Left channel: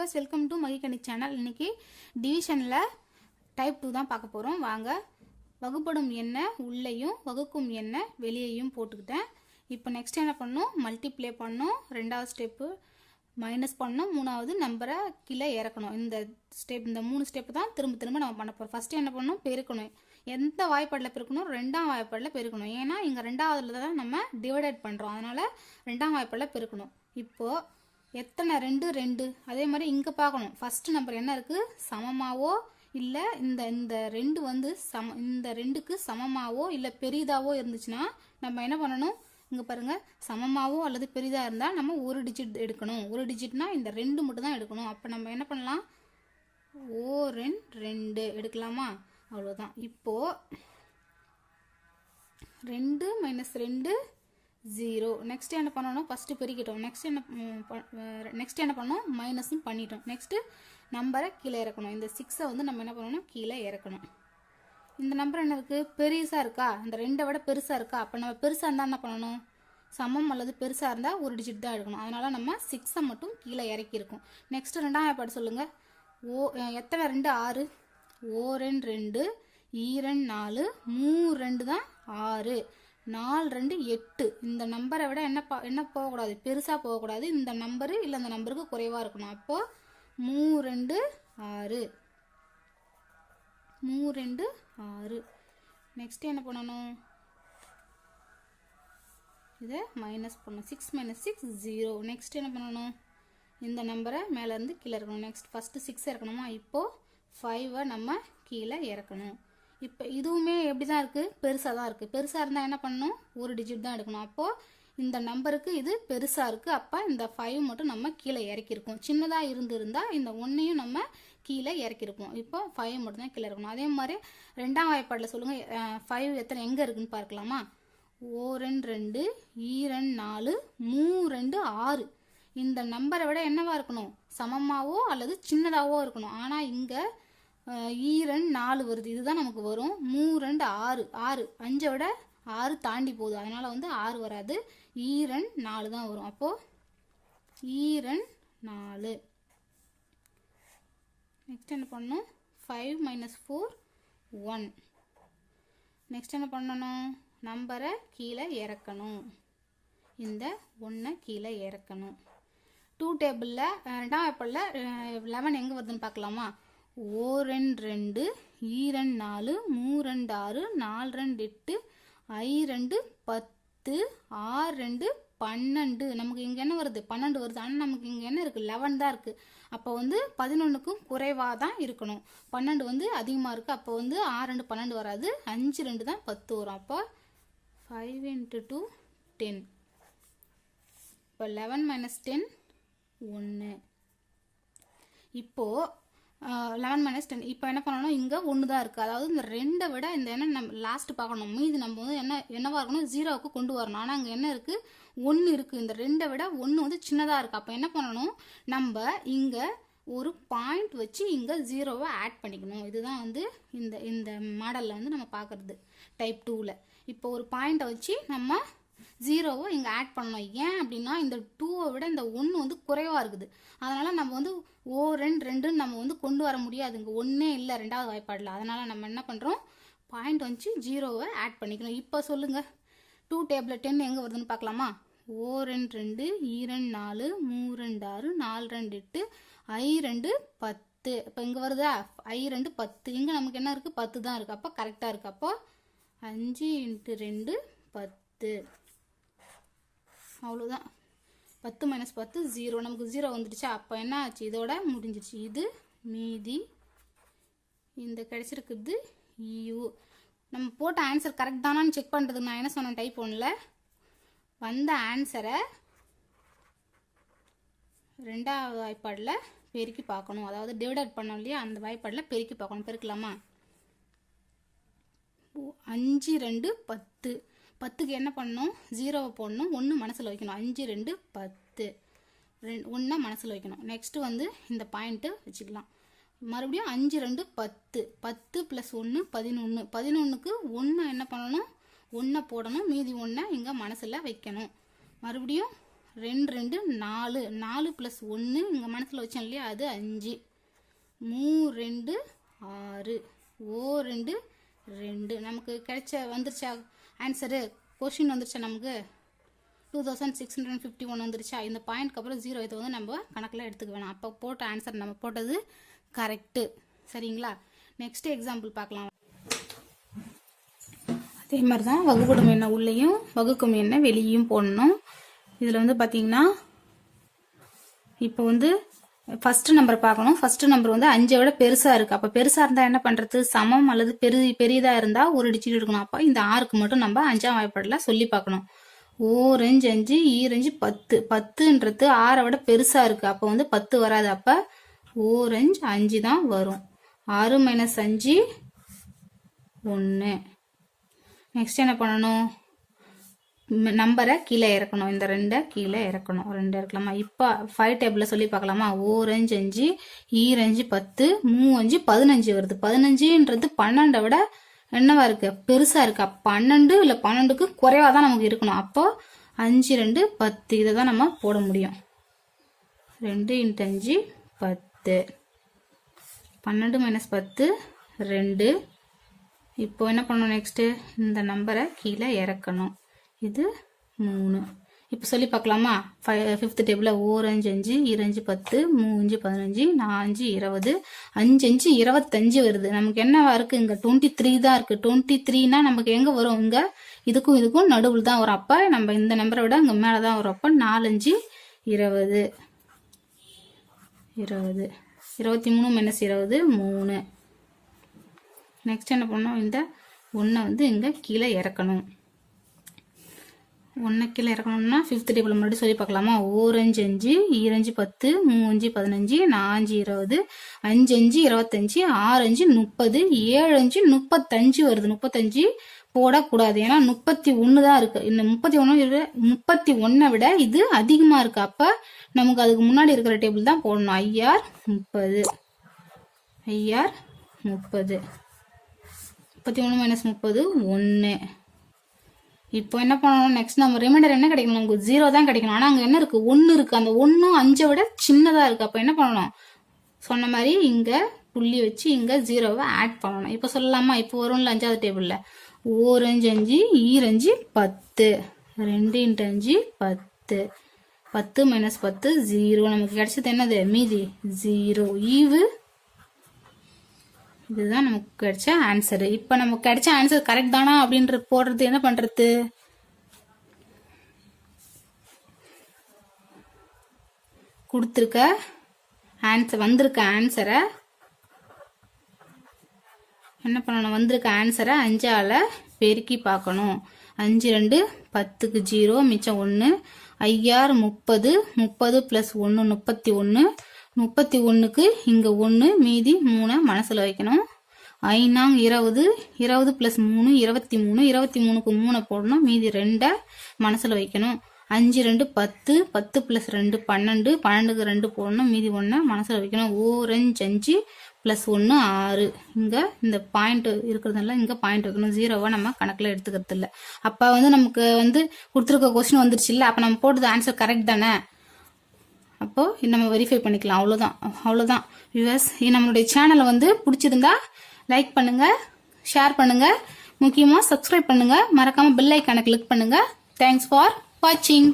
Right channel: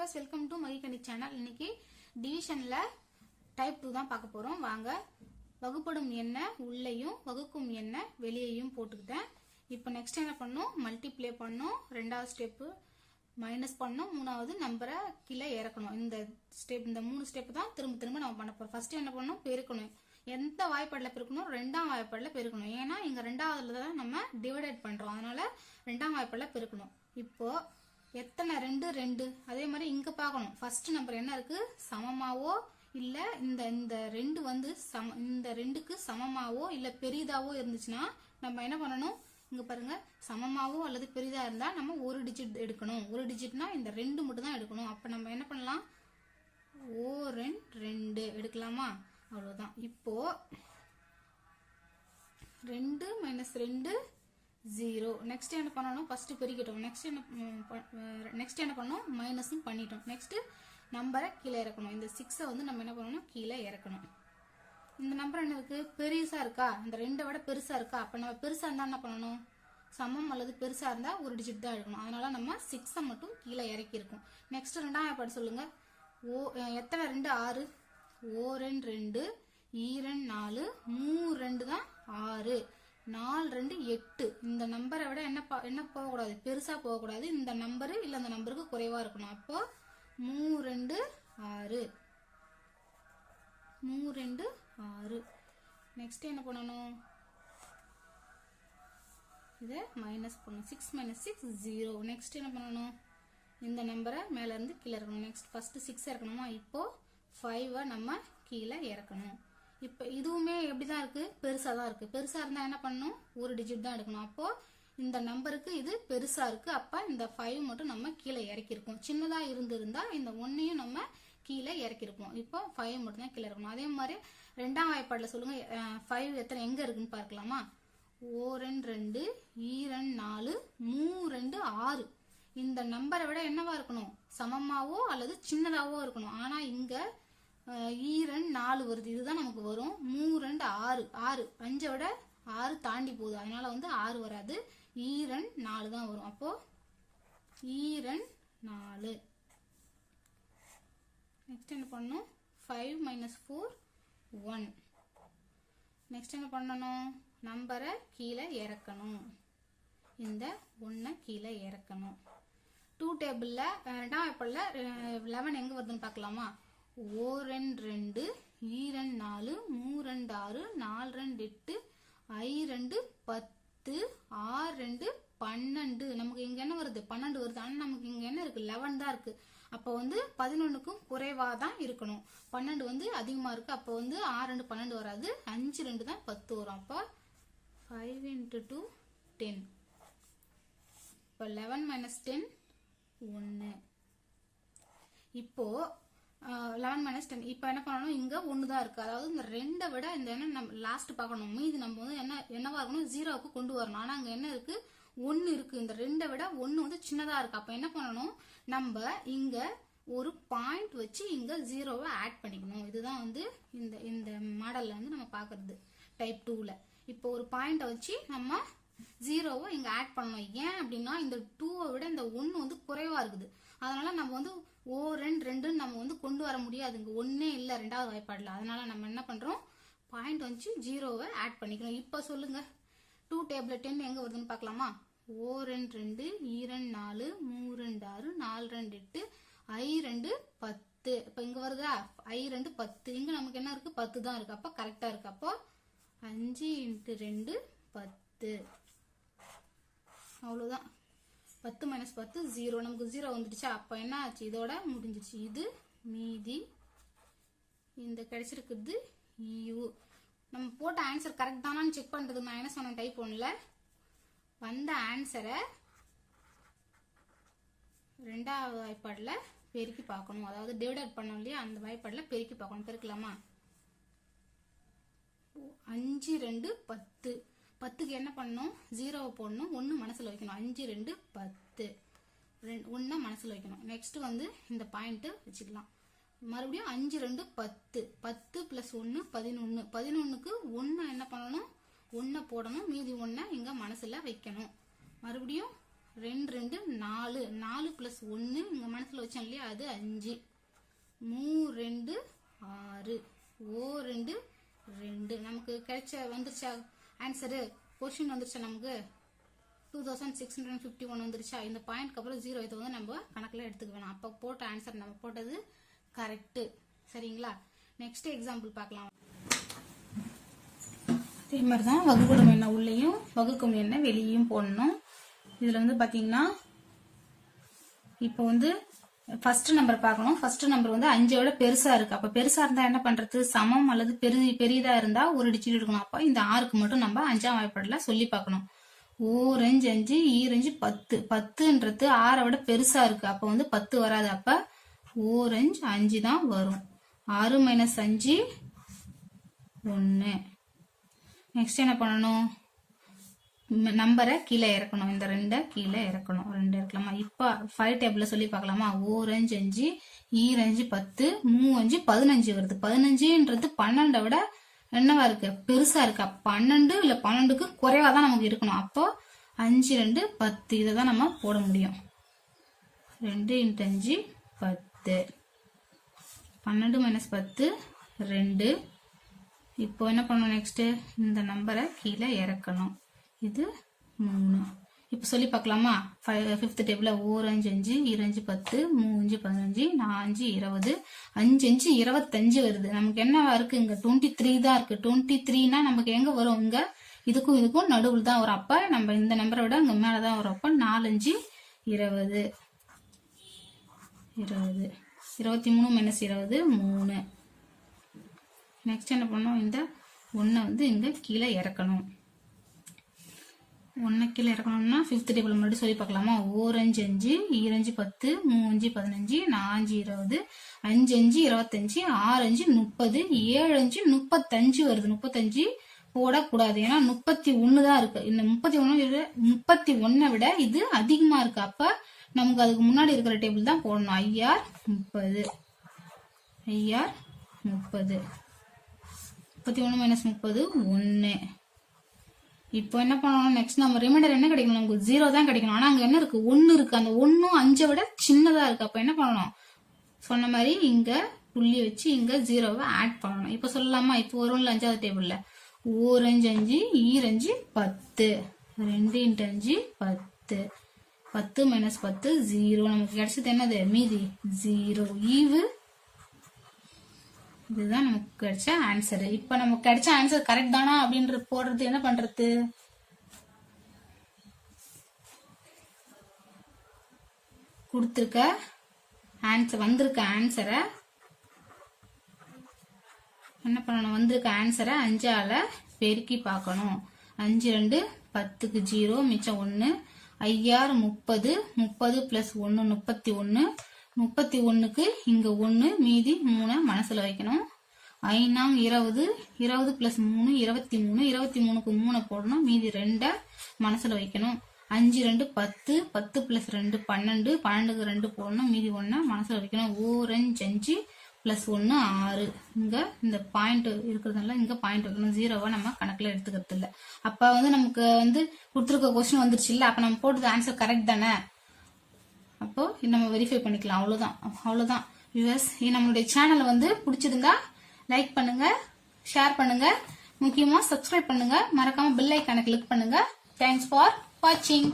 Viewers welcome to Magikkani channel இன்னைக்கு டிவிஷனில் type two தான் பார்க்க போகிறோம் வாங்க வகுப்படும் எண்ணெய் உள்ளேயும் வகுக்கும் எண்ணெய் வெளியேயும் போட்டுக்கிட்டேன். இப்போ நெக்ஸ்ட் என்ன பண்ணணும்? மல்டிப்ளே பண்ணணும். ரெண்டாவது ஸ்டெப்பு மைனஸ் பண்ணணும். மூணாவது நம்பரை கீழே இறக்கணும். இந்த ஸ்டெப் இந்த மூணு ஸ்டெப் தான் திரும்ப திரும்ப நம்ம பண்ண போகிறோம் ஃபஸ்ட்டு என்ன பண்ணணும்? பெருக்கணும். எந்த வாய்ப்பாடில் பெருக்கணும்? ரெண்டாம் வாய்ப்பாடில் பெருக்கணும். ஏன்னா இங்கே ரெண்டாவதுல தான் நம்ம டிவைடட் பண்ணுறோம் அதனால ரெண்டாம் வாய்ப்பாடில் பெருக்கணும். இப்போது எத்தனை? ரெண்டு ரெண்டு. அதே மாதிரி இங்கே பார்க்கணும். ஃபர்ஸ்ட் நம்பர் என்ன இருக்குது சமமாவோ இல்லை இந்த இந்த ரெண்டு வந்து சம இந்த ரெண்டுக்கு சமமாவோ இல்லை பெரிதாவோ இருந்துச்சுன்னா நம்ம என்ன பண்ணணும்? இங்கே பாருங்கள் சமமாவோ அல்லது பெரிதாக இருந்தால் நம்ம ஒரு டிஜிட் எடுக்கணும். ஒரு டிஜிட்னா இந்த ரெண்டு மட்டும் தான் எடுக்கணும். அப்போ நம்ம என்ன பண்ணலாம்? ஓ ரெண் ரெண்டு. எடுக்கலாமா? அவ்வளோதான் இப்போது ரெண்டு மைனஸ் ரெண்டு ஜீரோ நெக்ஸ்ட் என்ன பண்ணணும் ஃபர்ஸ்ட் பெருக்கிட்டோம். நெக்ஸ்ட் என்ன நெக்ஸ்ட் என்ன பண்ணோம் மைனஸும் பண்ணிட்டோம். நெக்ஸ்ட்டு நம்பரை கீழே இறக்கணும். இந்த சிக்ஸை வந்து நம்ம என்ன பண்ணணும்? கீழே இறக்கணும். இந்த நம்பர் என்ன இருக்கு? இருக்கா? இந்த ரெண்டை விட பெருசாக இருக்கா? அப்ப நம்ம பெருசாக இருந்தா என்ன பண்ணணும்? சமம் அல்லது பெருசா இருந்தா ஒரு டிஜிட் தான் எடுக்கணும். அதனால நம்ம சிக்ஸை மட்டும் கீழே இறக்கி இருக்கோம் நெக்ஸ்ட் ரெண்டாம் ஏற்பாடு சொல்லுங்க. ஓ எத்தனை? ரெண்டு ஆறு. ஓ ரெண்டு ரெண்டு. ஈரன் நாலு. மூ ரெண்டு தான் ஆறு. நாலு ரெண்டு எட்டு. இந்த நம்பரை விட என்ன பா- என்ன போகக்கூடாது? பெருசாக போகக்கூடாது. இந்த நம்பரு இல்லை இந்த நம்பருக்கு குறைவாக இருக்கணும். அப்போ மூ ரெண்டு ஆறு. மூ ரெண்டு ஆறு. நெக்ஸ்ட் என்ன பண்ணணும்? இதை மைனஸ் பண்ணணும். Six minus six zero next என்ன பண்ணணும்? இந்த நம்பரை மேலேருந்து கீழே இறக்கணும் நெக்ஸ்ட் ஃபஸ்ட்டு சிக்ஸ் இறக்கணுமா? இப்போ ஃபைவை நம்ம கீழே இறக்கணும். இப்போ இதுவுமே எப்படி தான் இருக்கு? பெருசாக தான் இருக்கு. பெருசாக இருந்தால் என்ன பண்ணணும்? ஒரு டிஜிட் தான் எடுக்கணும். அப்போ இந்த நம்பருக்கு இது பெருசா இருக்கு. அப்போ இந்த ஃபைவ் மட்டும் நம்ம கீழே இறக்கிருக்கோம். சின்னதாக இருந்திருந்தால் இந்த ஒன்னையும் நம்ம கீழே இறக்கிருப்போம். இப்போ ஃபைவ் மட்டும் தான் கீழே இருக்கணும். அதே மாதிரி ரெண்டாம் வாய்ப்பாடில் சொல்லுங்க. ஃபைவ் எத்தனை எங்க இருக்குன்னு பார்க்கலாமா? ஓ ரெண்டு ரெண்டு ஈரன் நாலு மூ ரெண்டு ஆறு. இந்த நம்பரை விட என்னவா இருக்கணும்? சமமாவோ அல்லது சின்னதாவோ இருக்கணும். ஆனா இங்க ஈரன் நாலு வருது. இதுதான் நமக்கு வரும். மூ ரெண்டு ஆறு. ஆறு. அஞ்சை விட ஆறு தாண்டி போகுது. அதனால வந்து ஆறு வராது. ஈரன் நாலு தான் வரும். அப்போ ஈரன் நாலு. நெக்ஸ்ட் என்ன பண்ணணும்? Five minus four one next என்ன பண்ணணும்? நம்பரை கீழே இறக்கணும். இந்த ஒன்றை கீழே இறக்கணும். டூ டேபிளில் ரெண்டாம் ஏப்பிளில் லெவன் எங்கே வருதுன்னு பார்க்கலாமா? ஓ ரெண்டு ரெண்டு ஈ ரெண்டு நாலு மூ ரெண்டு ஆறு நாலு ரெண்டு எட்டு ஐ ரெண்டு பத்து ஆறு ரெண்டு பன்னெண்டு. நமக்கு இங்கே என்ன வருது? பன்னெண்டு வருது. ஆனால் நமக்கு இங்கே என்ன இருக்குது லெவன் தான் இருக்குது அப்போ வந்து பதினொன்றுக்கும் குறைவாக தான் இருக்கணும். பன்னெண்டு வந்து அதிகமாக இருக்குது அப்போ வந்து ஆறு ரெண்டு பன்னெண்டு வராது. அஞ்சு ரெண்டு தான் பத்து வரும். அப்போ ஃபைவ் இன்ட்டு டூ டென் இப்போ லெவன் மைனஸ் டென் ஒன்று இப்போது லெவன் மைனஸ் டென் இப்போ என்ன பண்ணணும் இங்கே ஒன்று தான் இருக்குது அதாவது இந்த ரெண்டை விட இந்த என்ன நம்ம லாஸ்ட் பார்க்கணும். மீதி நம்ம வந்து என்ன என்னவாக இருக்கணும்? ஜீரோவுக்கு கொண்டு வரணும். ஆனால் அங்கே என்ன இருக்குது ஒன்று இருக்குது இந்த ரெண்டை விட ஒன்று வந்து சின்னதாக இருக்குது அப்போ என்ன பண்ணணும்? நம்ம இங்கே ஒரு பாயிண்ட் வச்சு இங்கே ஜீரோவை ஆட் பண்ணிக்கணும். இதுதான் வந்து இந்த இந்த மாடலில் வந்து நம்ம பார்க்குறது. டைப் டூவில் இப்போ ஒரு பாயிண்ட்டை வச்சு நம்ம ஜீரோவை இங்கே ஆட் பண்ணணும். ஏன் அப்படின்னா இந்த டூவை விட இந்த ஒன்று வந்து குறைவாக இருக்குது. அதனால் நம்ம வந்து ஓ ரெண்டு ரெண்டுன்னு நம்ம வந்து கொண்டு வர முடியாதுங்க. ஒன்றே இல்லை ரெண்டாவது வாய்ப்பாடில். அதனால் நம்ம என்ன பண்ணுறோம் பாயிண்ட் வந்து ஜீரோவை ஆட் பண்ணிக்கணும். இப்போ சொல்லுங்கள் டூ டேபிள் டென் எங்கே வருதுன்னு பார்க்கலாமா? ஓ ரெண்டு ரெண்டு ஈ ரெண்டு நாலு மூ ரெண்டு ஆறு நாலு ரெண்டு எட்டு ஐ ரெண்டு பத்து. இப்போ இங்கே வருதா? ஐ ரெண்டு பத்து. இங்கே நமக்கு என்ன இருக்குது பத்து தான் இருக்குது அப்போ கரெக்டாக இருக்குது அப்போ அஞ்சு இன்ட்டு ரெண்டு பத்து. அவ்வளோதான் பத்து மைனஸ் பத்து ஜீரோ நமக்கு ஜீரோ வந்துடுச்சு. அப்போ என்ன ஆச்சு? இதோட முடிஞ்சிச்சு. இது மீதி. இந்த கிடைச்சிருக்குது யூ நம்ம போட்ட ஆன்சர் கரெக்ட் தானான்னு செக் பண்ணுறதுக்கு நான் என்ன சொன்னேன்? டைப் ஒன்றில் வந்த ஆன்சரை ரெண்டாவது வாய்ப்பாடில் பெருக்கி பார்க்கணும். அதாவது டிவைடட் பண்ணோம் இல்லையா? அந்த வாய்ப்பாடில் பெருக்கி பார்க்கணும். பெருக்கலாமா? அஞ்சு ரெண்டு பத்து. பத்துக்கு என்ன பண்ணணும்? ஜீரோவை போடணும். ஒன்று மனசில் வைக்கணும். அஞ்சு ரெண்டு பத்து. ரெண்டு ஒன்றா மனசில் வைக்கணும். நெக்ஸ்ட்டு வந்து இந்த பாயிண்ட்டு வச்சுக்கலாம். மறுபடியும் அஞ்சு ரெண்டு பத்து. பத்து ப்ளஸ் ஒன்று பதினொன்று பதினொன்றுக்கு ஒன்று என்ன பண்ணணும்? ஒன்றை போடணும். மீதி ஒன்றை இங்கே மனசில் வைக்கணும். மறுபடியும் ரெண்டு ரெண்டு நாலு. நாலு ப்ளஸ் ஒன்று இங்கே மனசில் வச்சோம் இல்லையா? அது அஞ்சு. மூ ரெண்டு ஆறு. ஓ ரெண்டு ரெண்டு. நமக்கு கிடைச்ச வந்துருச்சா? ஆன்சரு கொஷின் வந்துருச்சா நமக்கு? Two thousand six hundred fifty one வந்துருச்சா? இந்த பாயிண்ட்க்கு அப்புறம் ஜீரோ இதை வந்து நம்ம கணக்கில் எடுத்துக்க வேணாம். அப்போ போட்ட ஆன்சர் நம்ம போட்டது கரெக்டு சரிங்களா? நெக்ஸ்ட் எக்ஸாம்பிள் பார்க்கலாம். அதே மாதிரி தான் வகுப்படும் எண்ணெய் உள்ளேயும் வகுக்கும் எண்ணெய் வெளியும் போடணும். இதில் வந்து பார்த்தீங்கன்னா இப்போ வந்து ஃபர்ஸ்ட் நம்பர் பார்க்கணும். ஃபர்ஸ்ட் நம்பர் வந்து அஞ்சை விட பெருசா இருக்கு. அப்ப பெருசா இருந்தா என்ன பண்றது? சமம் அல்லது பெரு பெரியதா இருந்தா ஒரு டிஜிட் எடுக்கணும். அப்போ இந்த ஆறுக்கு மட்டும் நம்ம அஞ்சாம் வாய்ப்பாடுல சொல்லி பார்க்கணும். ஓரஞ்சு அஞ்சு e ஈரஞ்சு பத்து. பத்துன்றது ஆறை விட பெருசா இருக்கு. அப்ப வந்து பத்து வராது. அப்ப ஓரஞ்சு அஞ்சு தான் வரும். ஆறு மைனஸ் அஞ்சு ஒன்று நெக்ஸ்ட் என்ன பண்ணணும்? நம்பரை கீழே இறக்கணும். இந்த ரெண்டை கீழே இறக்கணும். ரெண்டு இறக்கலாமா? இப்போ ஃபைவ் டேபிளில் சொல்லி பார்க்கலாமா? ஓரஞ்சு அஞ்சு ஈரஞ்சு பத்து மூ அஞ்சு பதினஞ்சு வருது. பதினஞ்சுன்றது பன்னெண்டை விட என்னவா இருக்கு? பெருசா இருக்கா? பன்னெண்டு இல்லை பன்னெண்டுக்கு குறைவா தான் நமக்கு இருக்கணும். அப்போ அஞ்சு ரெண்டு பத்து இதை தான் நம்ம போட முடியும். ரெண்டு இன்ட்டு அஞ்சு பத்து. பன்னெண்டு மைனஸ் பத்து ரெண்டு. இப்போ என்ன பண்ணணும் நெக்ஸ்ட்டு இந்த நம்பரை கீழே இறக்கணும். இது மூணு. இப்போ சொல்லி பார்க்கலாமா ஃபைவ் ஃபிஃப்த் டேபிளில் ஓரஞ்சு அஞ்சு இரஞ்சு பத்து மூஞ்சு பதினஞ்சு நாலஞ்சு இருபது அஞ்சு அஞ்சு இருபத்தஞ்சு வருது. நமக்கு என்னவா இருக்குது இங்கே டுவெண்ட்டி த்ரீ தான் இருக்குது டுவெண்ட்டி த்ரீனா நமக்கு எங்கே வரும்? இங்கே இதுக்கும் இதுக்கும் நடுவில் தான் வரும். அப்போ நம்ம இந்த நம்பரை விட இங்கே மேலே தான் வரும். அப்போ நாலஞ்சு இருபது. இருபது. இருபத்தி மூணு மைனஸ் இருபது மூணு. நெக்ஸ்ட் என்ன பண்ணோம் இந்த ஒன்றை வந்து இங்கே கீழே இறக்கணும். ஒன்றை கீழே இறக்கணும்னா ஃபிஃப்த் டேபிள் முன்னாடி சொல்லி பார்க்கலாமா? ஓரஞ்சு அஞ்சு ஈரஞ்சு பத்து மூஞ்சு பதினஞ்சு நாஞ்சு இருபது அஞ்சு அஞ்சு இருபத்தஞ்சு ஆறு அஞ்சு முப்பது ஏழு அஞ்சு முப்பத்தஞ்சு வருது. முப்பத்தஞ்சு போடக்கூடாது. ஏன்னா முப்பத்தி ஒன்று தான் இருக்கு. இந்த முப்பத்தி ஒன்று முப்பத்தி ஒன்றை விட இது அதிகமாக இருக்கு. அப்போ நமக்கு அதுக்கு முன்னாடி இருக்கிற டேபிள் தான் போடணும். ஐஆர் முப்பது. ஐஆர் முப்பது. முப்பத்தி ஒன்று மைனஸ் முப்பது ஒன்று இப்போ என்ன பண்ணணும்? நெக்ஸ்ட் நம்ம ரிமைண்டர் என்ன கிடைக்கணும்? நமக்கு ஜீரோ தான் கிடைக்கணும். ஆனால் அங்கே என்ன இருக்கு? ஒன்று இருக்கு. அந்த ஒன்றும் அஞ்சை விட சின்னதாக இருக்கு. அப்போ என்ன பண்ணணும்? சொன்ன மாதிரி இங்கே புள்ளி வச்சு இங்கே ஜீரோவை ஆட் பண்ணணும். இப்போ சொல்லலாமா? இப்போ வரும்ல அஞ்சாவது டேபிளில் ஓரஞ்சு அஞ்சு ஈரஞ்சு பத்து. ரெண்டு இன்ட்டு அஞ்சு பத்து. பத்து மைனஸ் பத்து ஜீரோ நமக்கு கிடைச்சது என்னது? மீதி. ஜீரோ ஈவு இதுதான் நமக்கு கிடைச்ச ஆன்சரு இப்போ நமக்கு கிடைச்ச ஆன்சர் கரெக்ட் தானா அப்படின்ற போடுறது என்ன பண்றது? கொடுத்துருக்க ஆன்சர் வந்திருக்க ஆன்சரை என்ன பண்ணணும்? வந்திருக்க ஆன்சரை அஞ்சால பெருக்கி பார்க்கணும். அஞ்சு ரெண்டு பத்துக்கு ஜீரோ மிச்சம் ஒன்று ஐஆர் முப்பது முப்பது ப்ளஸ் ஒன்று முப்பத்தி ஒன்று முப்பத்தி ஒன்றுக்கு இங்கே ஒன்று மீதி மூணை மனசில் வைக்கணும். ஐநாங் இருபது இருபது ப்ளஸ் மூணு இருபத்தி மூணு இருபத்தி மூணுக்கு மூணை போடணும் மீதி ரெண்டை மனசில் வைக்கணும். அஞ்சு ரெண்டு பத்து பத்து ப்ளஸ் ரெண்டு பன்னெண்டு பன்னெண்டுக்கு ரெண்டு போடணும் மீதி ஒன்றை மனசில் வைக்கணும். ஓரஞ்சு அஞ்சு ப்ளஸ் ஒன்று ஆறு. இங்கே இந்த பாயிண்ட் இருக்கிறதுனால இங்கே பாயிண்ட் வைக்கணும். ஜீரோவை நம்ம கணக்கில் எடுத்துக்கிறது இல்லை அப்போ வந்து நமக்கு வந்து கொடுத்துருக்க கொஸ்டின் வந்துருச்சு இல்லை? அப்போ நம்ம போட்டது ஆன்சர் கரெக்ட் தானே? அப்போது நம்ம வெரிஃபை பண்ணிக்கலாம். அவ்வளோதான் அவ்வளோதான் வியூவர்ஸ் நம்மளுடைய சேனலை வந்து பிடிச்சிருந்தா லைக் பண்ணுங்கள் ஷேர் பண்ணுங்கள் முக்கியமாக சப்ஸ்கிரைப் பண்ணுங்கள் மறக்காமல் பெல் ஐக்கானை கிளிக் பண்ணுங்கள் தேங்க்ஸ் ஃபார் வாட்சிங்